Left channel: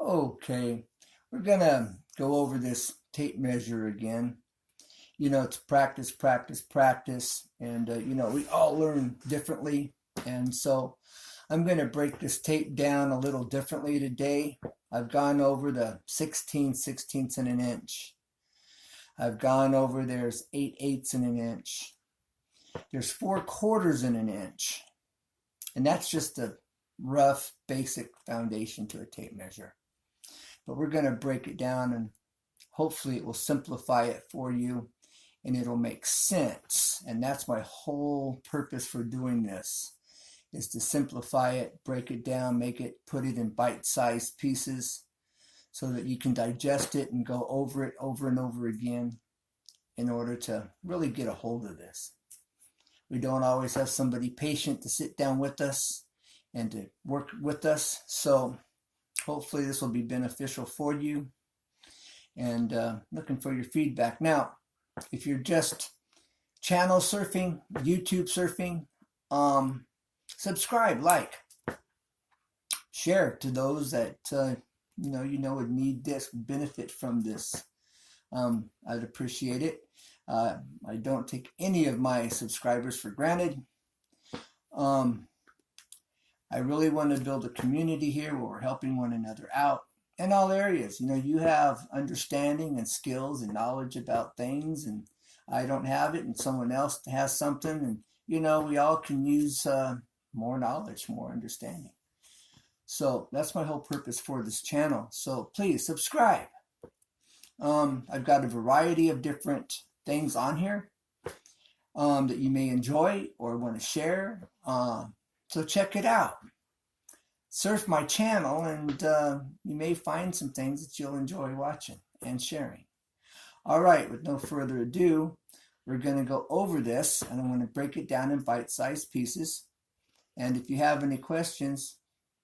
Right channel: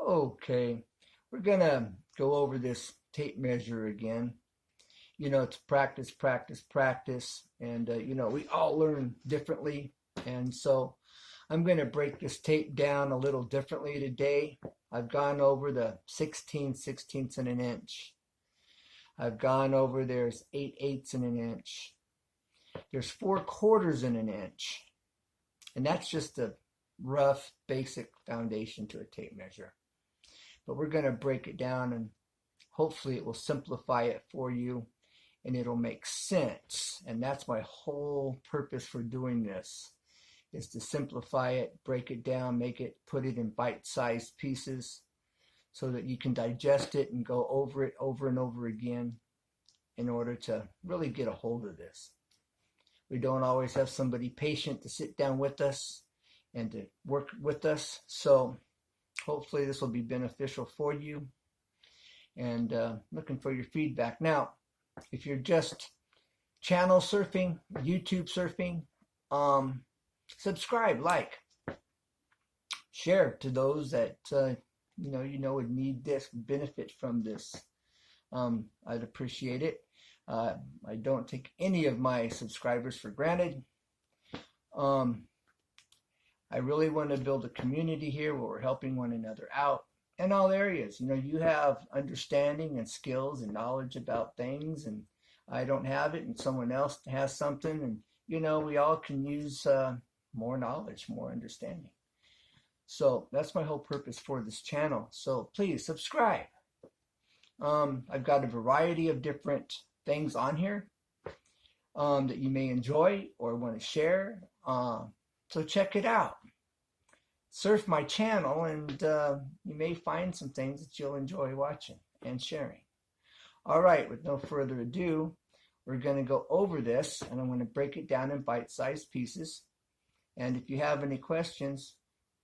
Okay, we're gonna go over this tape measure again. You know, it's practice, practice, practice, and we all learn differently. And so I'm gonna break this tape down a little differently today. I've gone over the 16 sixteenths in an inch. I've gone over there's 8/8 in an inch. There's 4/4 in an inch. And that's just a rough, basic foundation to a tape measure. But we're going to break it down and hopefully it will simplify it for you and it'll make sense. And that's my whole purpose for doing this, is to simplify it, break it down, put it in bite-sized pieces so that you can digest it and go over it over and over again in order to really get a hold of this. We don't always have somebody patient to sit down with us and to work with us, so hopefully this will be beneficial for you, and looking for your feedback. Now, if you're just channel surfing, YouTube surfing, subscribe, like, share to those that would need this, benefit from this. I'd appreciate it. I don't take any of my subscribers for granted. I really want to build a community here where we're helping one another out in all areas. You have understanding and skills and knowledge about things, and I don't have it, and someone else has something, and we all can use more knowledge, more understanding. So that's my whole purpose for this channel. So please subscribe. I've got a variety of different things on here that you may enjoy or want to share. So check it out. Surf my channel and you may find some things that you'll enjoy watching and sharing. All right, with no further ado, we're going to go over this, and I'm going to break it down in bite-sized pieces. And if you have any questions,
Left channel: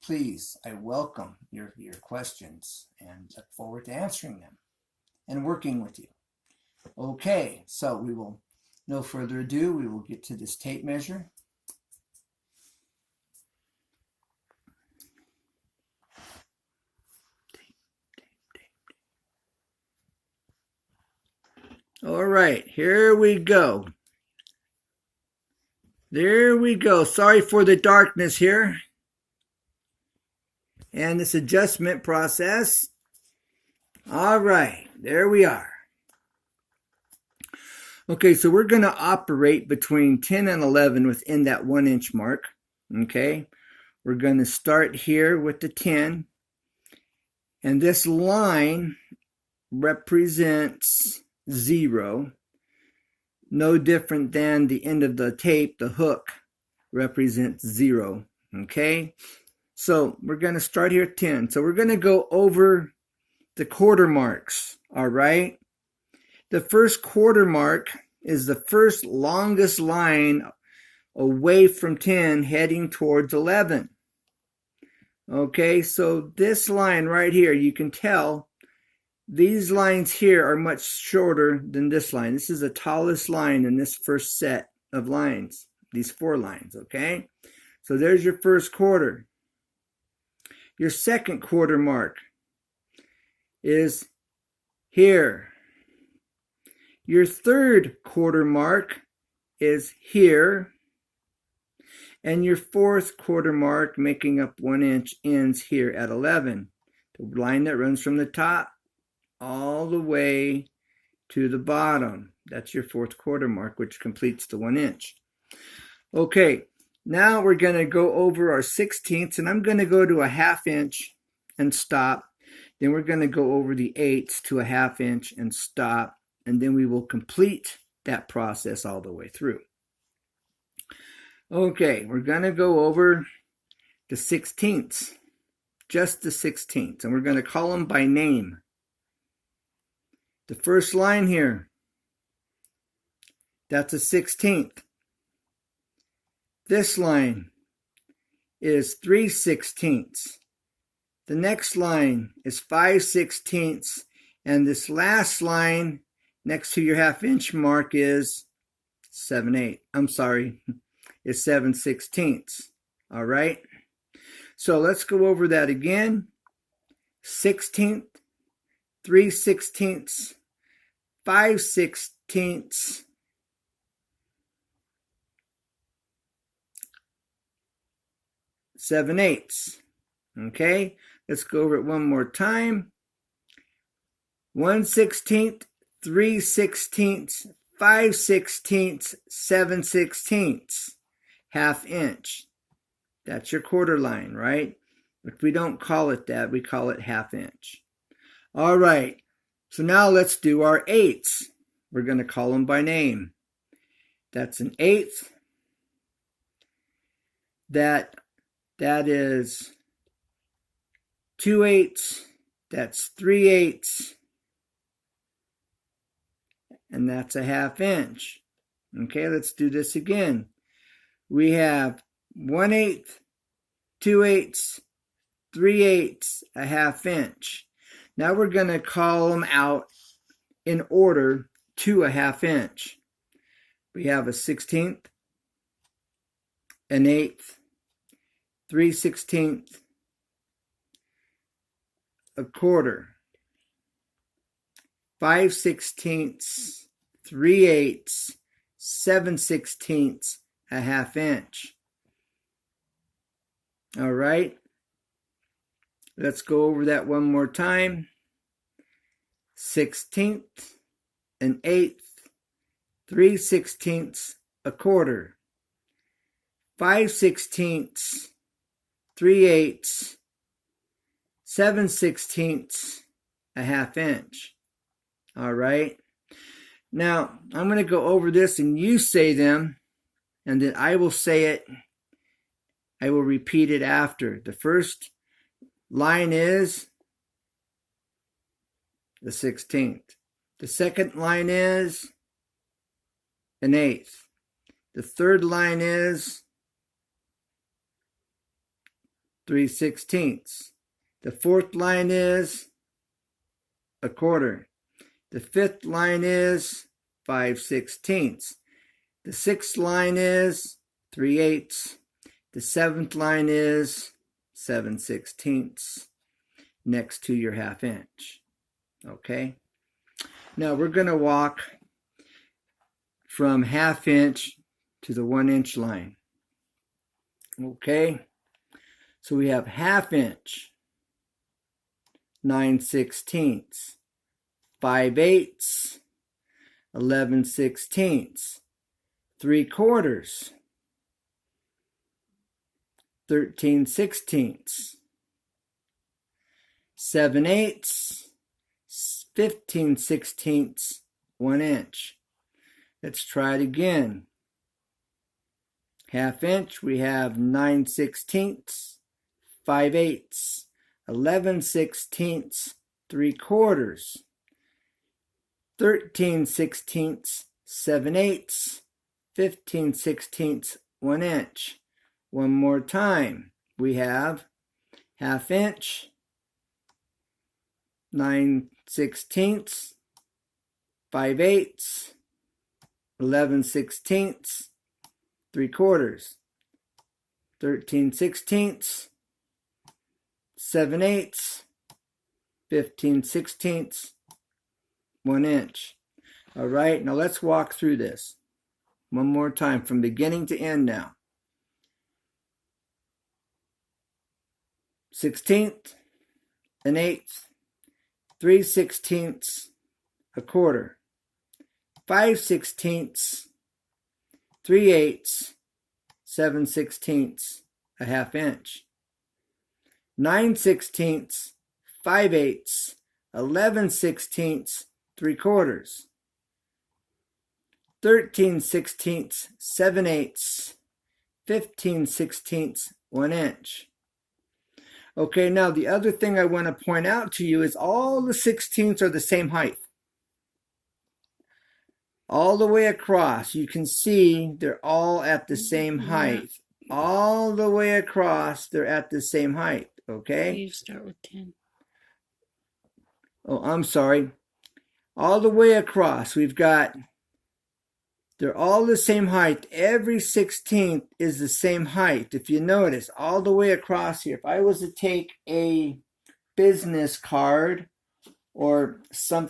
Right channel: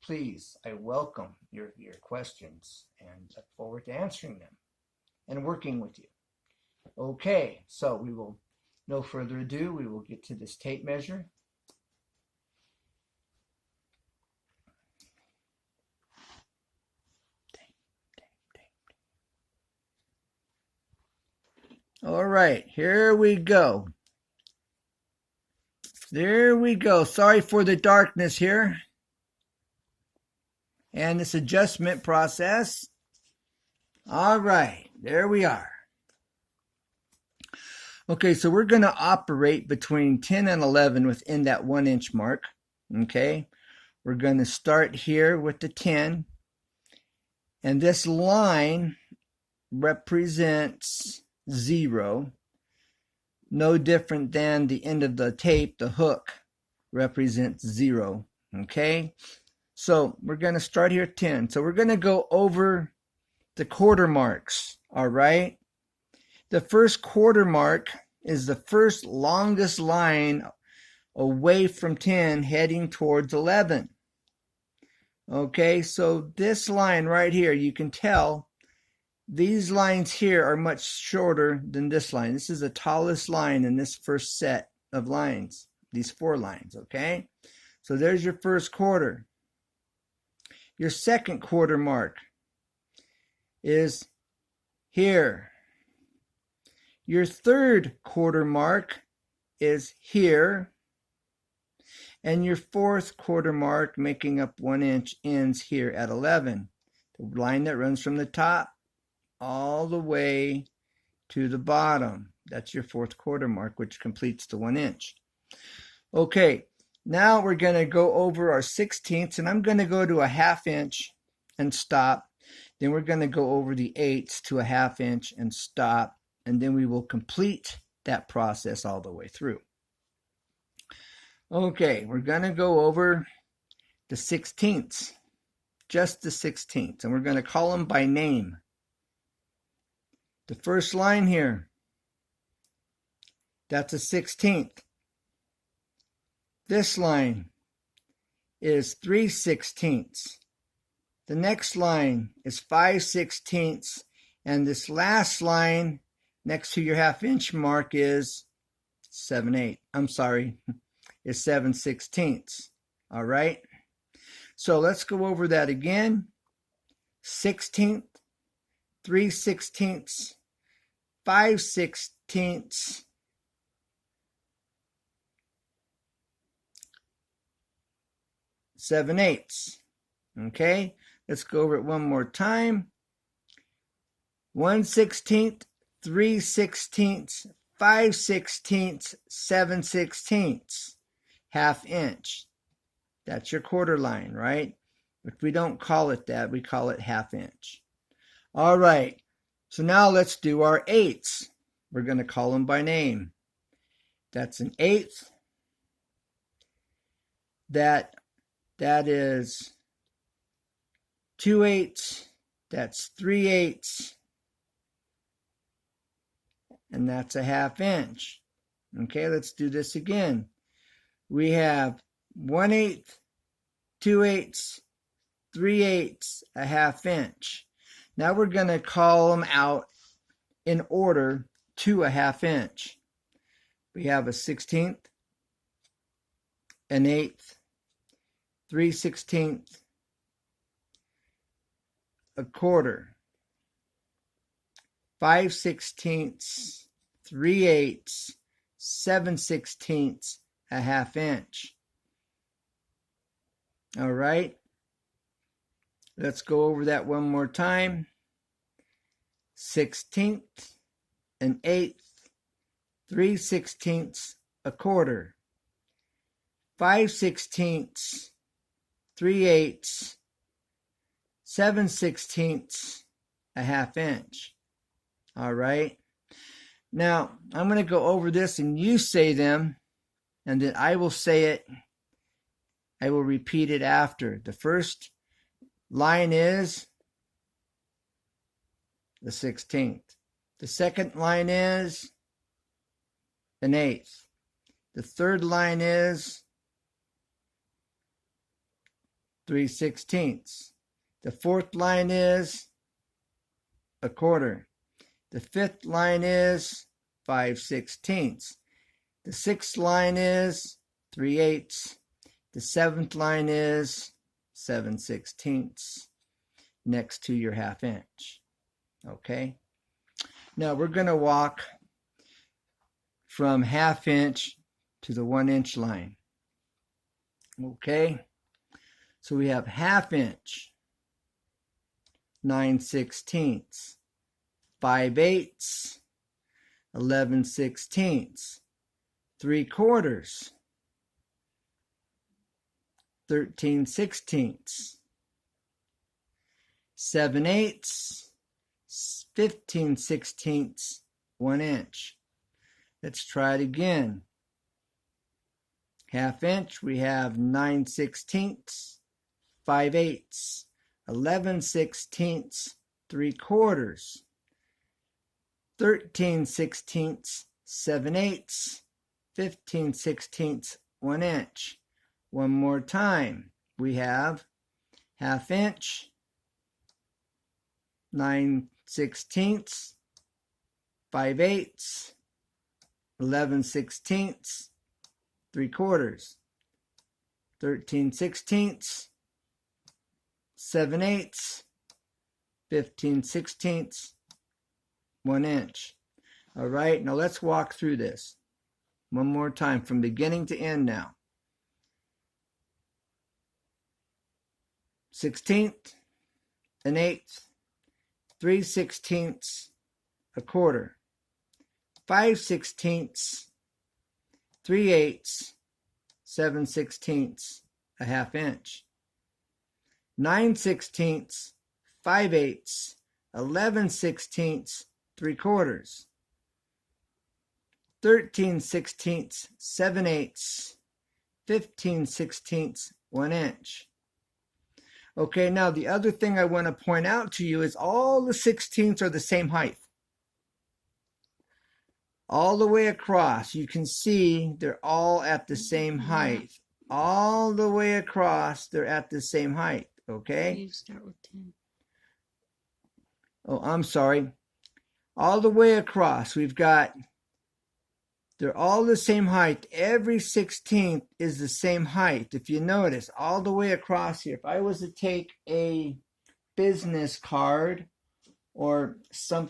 please, I welcome your questions and look forward to answering them and working with you. Okay, so no further ado, we will get to this tape measure. All right, here we go. There we go. Sorry for the darkness here and this adjustment process. All right, there we are. Okay, so we're going to operate between 10 and 11 within that 1 inch mark. Okay, we're going to start here with the 10. And this line represents 0. No different than the end of the tape, the hook represents 0. Okay, so we're going to start here at 10. So we're going to go over the quarter marks. All right. The first quarter mark is the first longest line away from 10 heading towards 11. Okay, so this line right here, you can tell these lines here are much shorter than this line. This is the tallest line in this first set of lines, these 4 lines, okay? So there's your first quarter. Your second quarter mark is here. Your third quarter mark is here. And your fourth quarter mark, making up 1 inch, ends here at 11. The line that runs from the top all the way to the bottom. That's your fourth quarter mark, which completes the 1 inch. Okay, now we're going to go over our 16ths, and I'm going to go to a 1/2 inch and stop. Then we're going to go over the 8ths to a 1/2 inch and stop, and then we will complete that process all the way through. Okay, we're going to go over the 16ths, just the 16ths, and we're going to call them by name. The first line here, that's a 16th. This line is 3/16. The next line is 5/16, and this last line next to your 1/2 inch mark is 7/8. I'm sorry, it's 7/16. All right. So let's go over that again. 16th, 3/16, 5/16, 7/8. Okay, let's go over it one more time. 1/16, 3/16, 5/16, 7/16, ½ inch. That's your quarter line, right? But we don't call it that, we call it ½ inch. All right, so now let's do our eighths. We're going to call them by name. That's an eighth. That is 2/8. That's 3/8. And that's a ½ inch. Okay, let's do this again. We have 1/8, 2/8, 3/8, a ½ inch. Now we're going to call them out in order to a ½ inch. We have a 16th, an 8th, 3/16, a quarter, 5/16, 3/8, 7/16, a ½ inch. All right, let's go over that one more time. 16th, an 8th, 3/16, a quarter, 5/16, 3/8, 7/16, a ½ inch. All right. Now, I'm going to go over this and you say them, and then I will say it. I will repeat it after. The first line is the 16th. The second line is an 8th. The third line is 3/16. The fourth line is a quarter. The fifth line is 5/16. The sixth line is 3/8. The seventh line is 7/16 next to your ½ inch. Okay? Now we're going to walk from ½ inch to the 1 inch line. Okay? So we have ½ inch, 9/16, 5/8, 11/16, 3/4, 13/16, 7/8, 15/16, 1 inch. Let's try it again. ½ inch, we have 9/16, 5/8, 11/16, 3/4, 13/16, 7/8, 15/16, 1 inch. One more time. We have ½ inch, 9/16, 5/8, 11/16, 3/4, 13/16, 7/8, 15/16, 1 inch. All right, now let's walk through this one more time from beginning to end now. 16th, an 8th, 3/16, a quarter, 5/16, 3/8, 7/16, a ½ inch, 9/16, 5/8, 11/16, 3/4, 13/16, 7/8, 15/16, 1 inch. Okay, now the other thing I want to point out to you is all the 16ths are the same height. All the way across, you can see they're all at the same height. All the way across, they're at the same height, okay? You start with 10. Oh, I'm sorry. All the way across, they're all the same height. Every 16th is the same height. If you notice, all the way across here, if I was to take a big business card or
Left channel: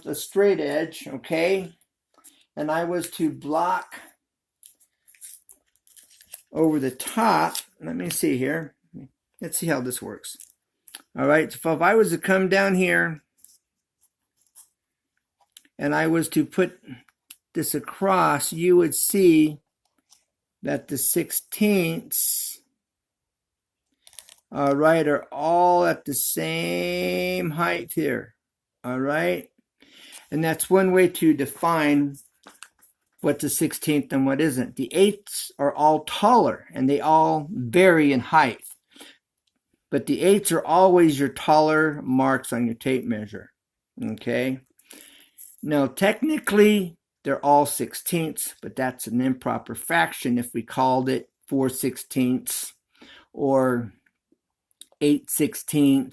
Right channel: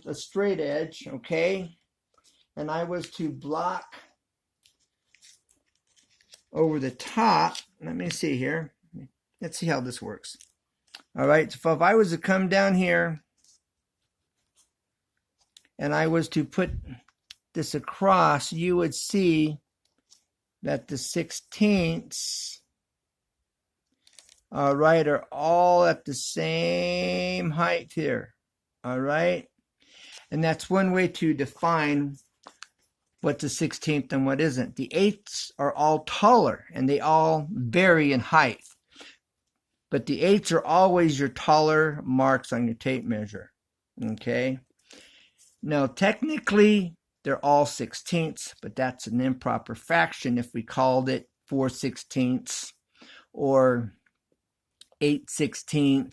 a straight edge, okay, and I was to block over the top, let me see here. Let's see how this works. All right, so if I was to come down here and I was to put this across, you would see that the 16ths, all right, are all at the same height here. All right, and that's one way to define what's a 16th and what isn't. The 8ths are all taller and they all vary in height. But the 8ths are always your taller marks on your tape measure. Okay? Now, technically, they're all 16ths, but that's an improper fraction if we called it 4/16 or 8/16.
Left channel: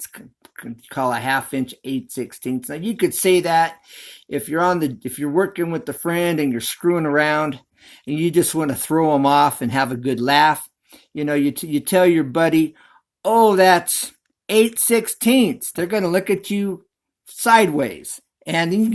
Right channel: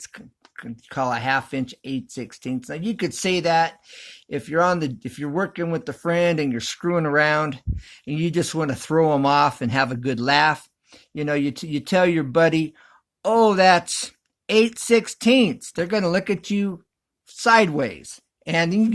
Call a half inch 8/16. Now, you could say that if you're working with a friend and you're screwing around and you just want to throw them off and have a good laugh, you know, you tell your buddy, oh, that's 8/16. They're going to look at you sideways, and you